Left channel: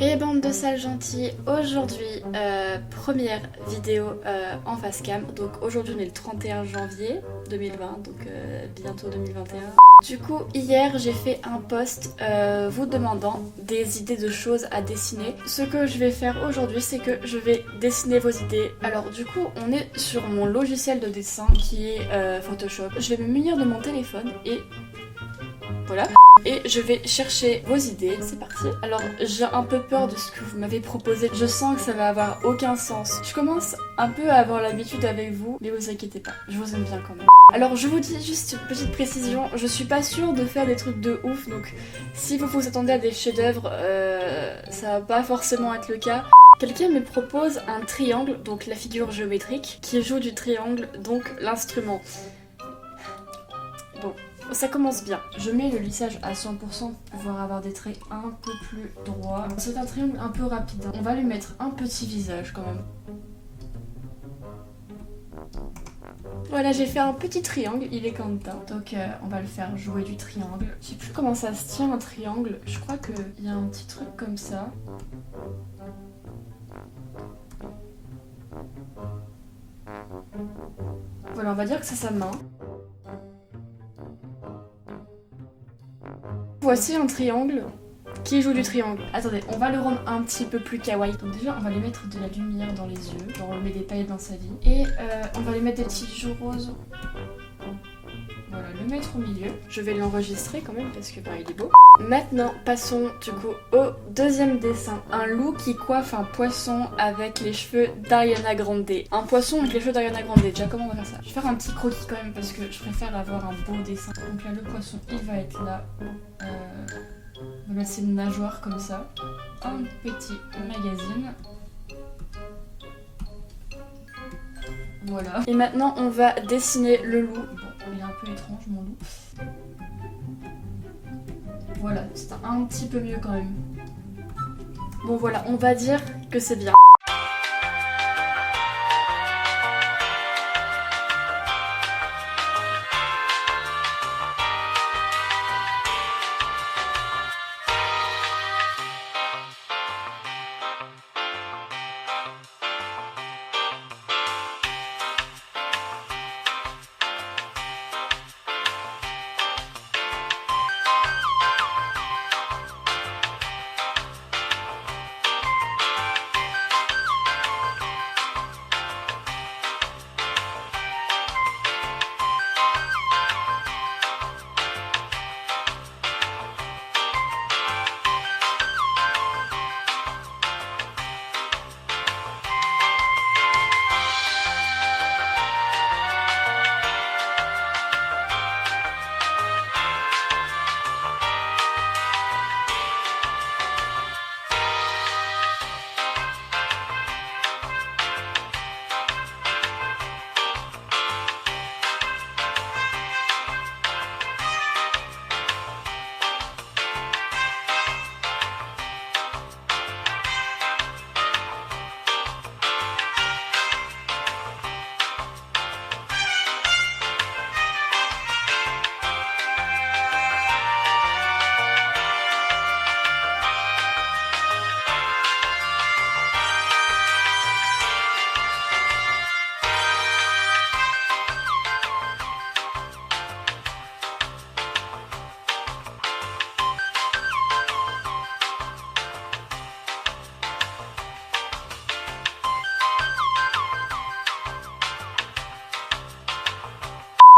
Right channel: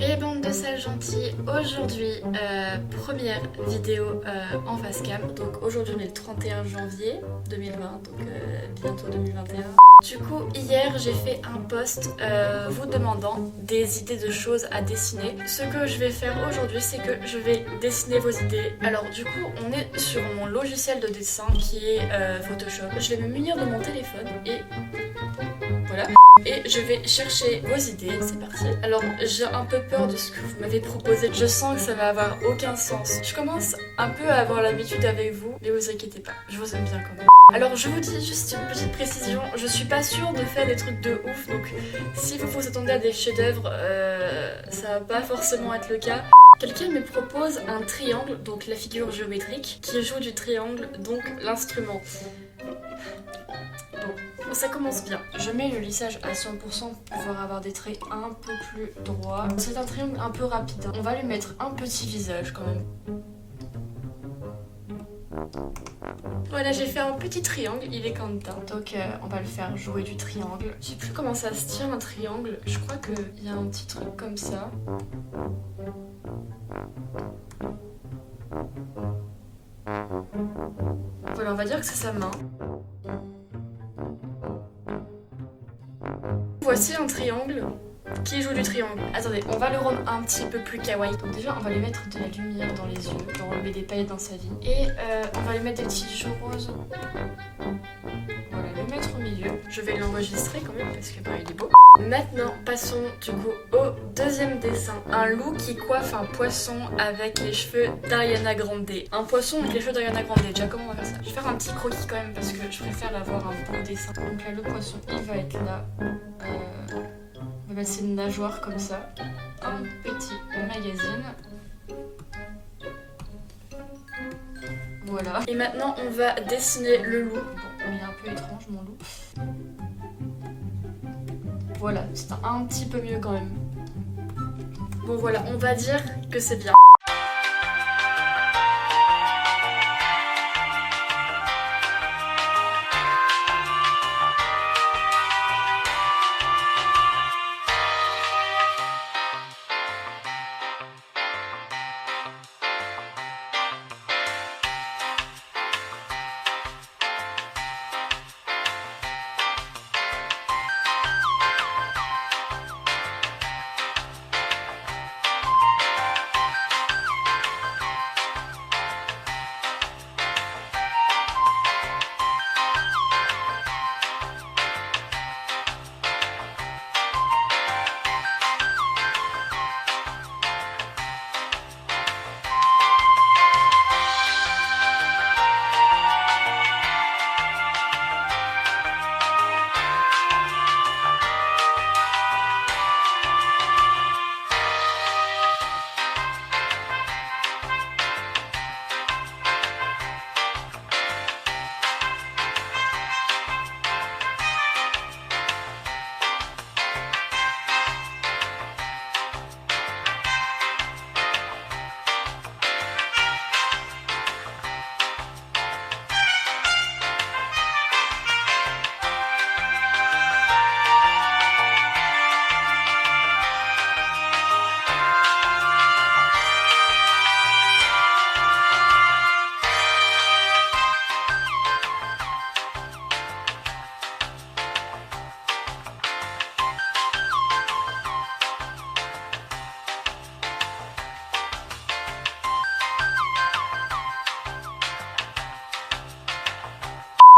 Et bande de sales gentils, aujourd'hui première vidéo en face cam. Donc aujourd'hui on est le 31 janvier 2020, donc bientôt 2021. Du coup hier j'ai fait un post vous demandant des idées de choses à dessiner. Ce que je vais faire aujourd'hui c'est que je vais dessiner vos idées. Alors du coup on est sur mon logiciel de dessin qui est Photoshop. Je vais me munir de mon téléphone et voilà. Et je vais chercher vos idées, c'est parti. Alors j'ai un peu peur de ce que vous m'avez proposé, je sens que ça va avoir aucun sens. Je commence un peu à avoir l'habitude avec vous, mais vous inquiétez pas, je vous aime bien quand même. Alors je vous dis juste une petite précision, je suis pas sûre de faire des trucs de ouf, donc si vous vous attendez à des chefs-d'œuvre, ça va pas forcément être le cas. Quelqu'un me propose un triangle, donc la figure géométrique, qui joue du triangle, donc l'instrument. Bon, ça commence bien. Je mets le lissage à 100% pour pouvoir avoir des traits un peu plus droits. C'est un triangle un peu rapide. On va lui mettre un petit visage quand même. Voilà, j'ai fait un petit triangle, il est Quentin. Donc on va le faire jouer du triangle. Je sais plus comment ça se tient un triangle. Je crois qu'il y a un petit truc comme ça. Voilà, on va dire que c'est sa main. Voici un triangle qui joue du triangle. Attendez, on va le rendre un petit peu plus kawaii. Donc déjà, on va lui mettre de la lumière dans les yeux. Genre, on lui met des paillettes dans sa vie. Et on va lui mettre des petits joues roses. Voilà, le mettre au milieu. Je vais l'enregistrer quand même parce que bah, il est beau. Maintenant, passons du coup au deuxième dessin. Un loup qui coiffe un poisson avec les cheveux d'Ariana Grande. Un poisson avec les cheveux d'Ariana Grande. Déjà, comment on va faire ça? Je vais faire un petit croquis quand même parce que je préfère avoir un beau dessin. Donc là, le poisson, il va être là. On va mettre ses nageoires comme ça. Un petit magazine. Voilà. Et maintenant, on va dessiner le loup. Bon, il est un peu étrange, mon loup. Voilà, c'est un petit peu mieux quand même. Bon voilà, on va dire que c'est bien.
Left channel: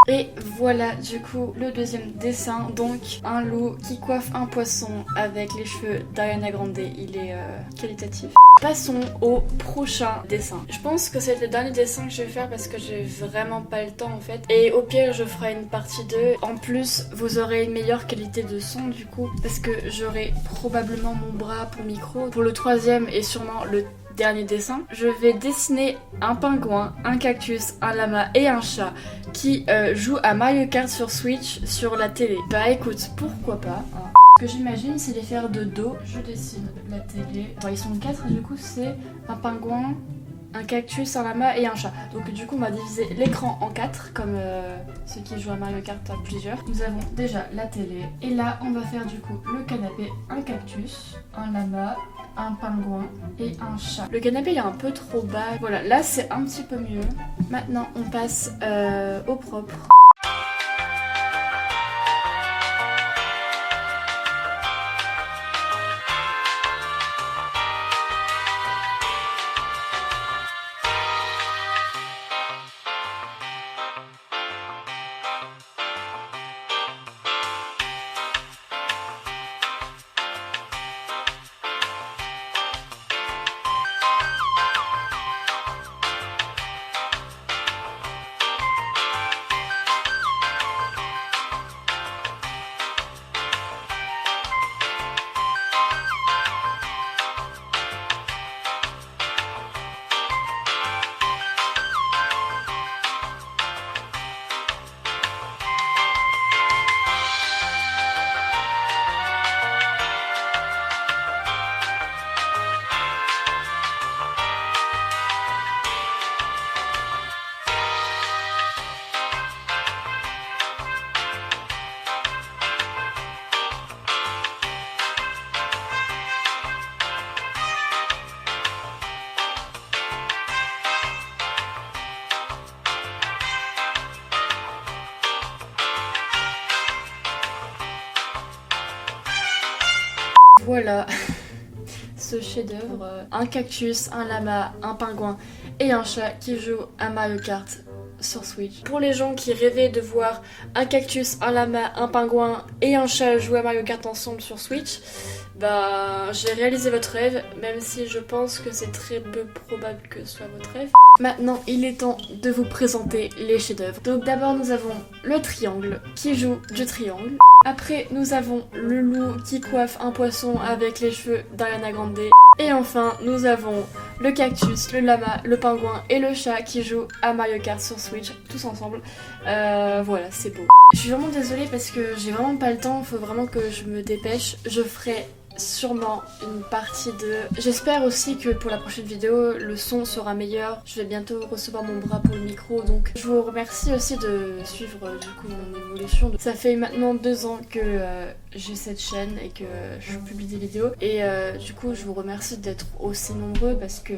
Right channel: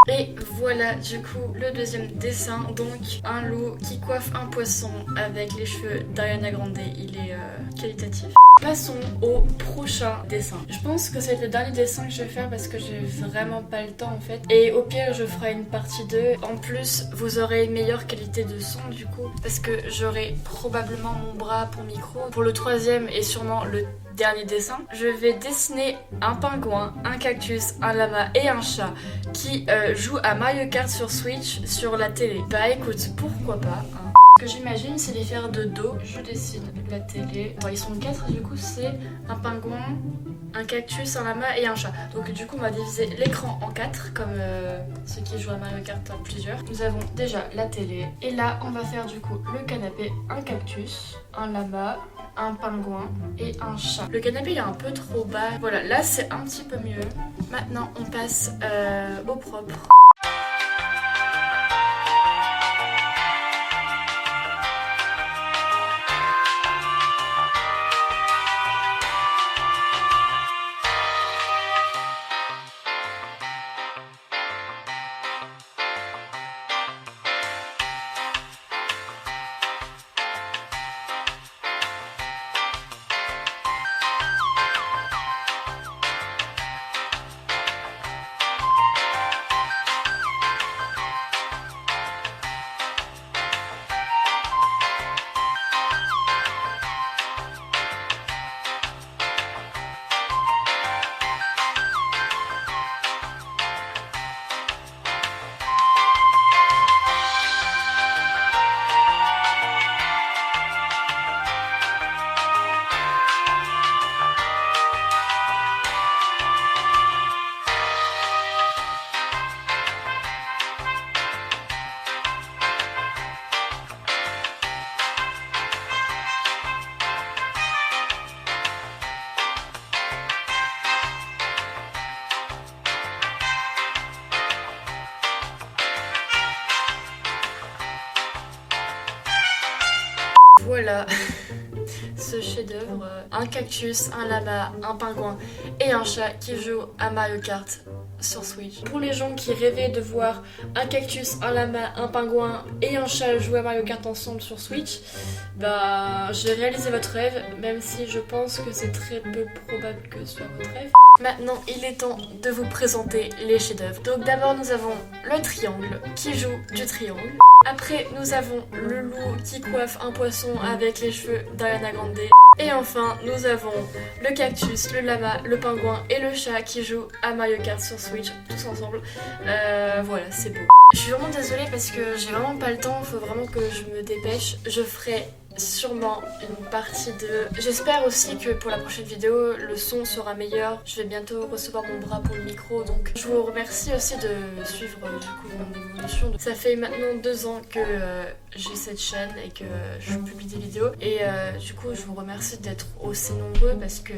Et voilà du coup le deuxième dessin, donc un loup qui coiffe un poisson avec les cheveux d'Ariana Grande, il est qualitatif. Passons au prochain dessin. Je pense que c'est le dernier dessin que je vais faire parce que j'ai vraiment pas le temps en fait. Et au pire je ferai une partie 2. En plus vous aurez une meilleure qualité de son du coup parce que j'aurai probablement mon bras pour micro. Pour le troisième et sûrement le dernier dessin, je vais dessiner un pingouin, un cactus, un lama et un chat qui jouent à Mario Kart sur Switch sur la télé. Bah écoute, pourquoi pas hein. Ce que j'imagine c'est les faire de dos. Je dessine la télé. Bon, ils sont 4 du coup, c'est un pingouin, un cactus, un lama et un chat. Donc du coup on va diviser l'écran en 4 comme ceux qui jouent à Mario Kart à plusieurs. Nous avons déjà la télé et là on va faire du coup le canapé, un cactus, un lama, un pingouin et un chat. Le canapé il est un peu trop bas. Voilà, là c'est un petit peu mieux. Maintenant on passe au propre. Voilà ce chef-d'œuvre, un cactus, un lama, un pingouin et un chat qui joue à Mario Kart sur Switch. Pour les gens qui rêvaient de voir un cactus, un lama, un pingouin et un chat jouer à Mario Kart ensemble sur Switch, bah j'ai réalisé votre rêve, même si je pense que c'est très peu probable que ce soit votre rêve. Maintenant, il est temps de vous présenter les chefs-d'œuvre. Donc d'abord nous avons le triangle qui joue du triangle. Après, nous avons le loup qui coiffe un poisson avec les cheveux d'Ariana Grande. Et enfin, nous avons le cactus, le lama, le pingouin et le chat qui jouent à Mario Kart sur Switch, tous ensemble. Voilà, c'est beau. Je suis vraiment désolée parce que j'ai vraiment pas le temps, il faut vraiment que je me dépêche. Je ferai sûrement une partie de... J'espère aussi que pour la prochaine vidéo, le son sera meilleur. Je vais bientôt recevoir mon bras pour le micro, donc je vous remercie aussi de suivre du coup mon évolution. Ça fait maintenant 2 ans que j'ai cette chaîne et que je publie des vidéos. Et du coup, je vous remercie d'être aussi nombreux parce que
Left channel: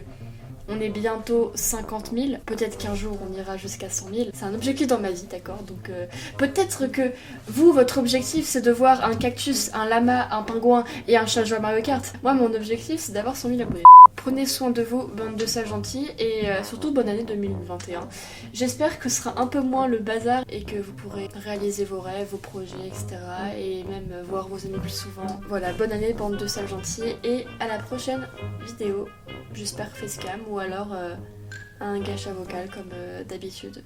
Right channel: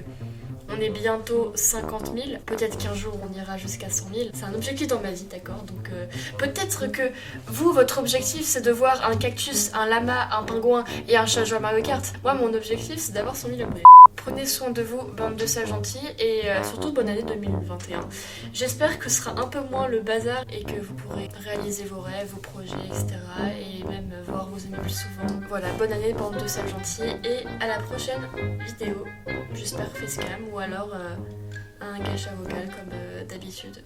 on est bientôt 50 000. Peut-être qu'un jour on ira jusqu'à 100 000. C'est un objectif dans ma vie, d'accord? Donc peut-être que vous, votre objectif c'est de voir un cactus, un lama, un pingouin et un chat jouer à Mario Kart. Moi, mon objectif c'est d'avoir 100 000 abonnés. Prenez soin de vous, bande de sages gentils, et surtout bonne année 2021. J'espère que ce sera un peu moins le bazar et que vous pourrez réaliser vos rêves, vos projets, etc. Et même voir vos amis plus souvent. Voilà, bonne année, bande de sages gentils, et à la prochaine vidéo. J'espère facecam ou alors un gacha vocal comme d'habitude.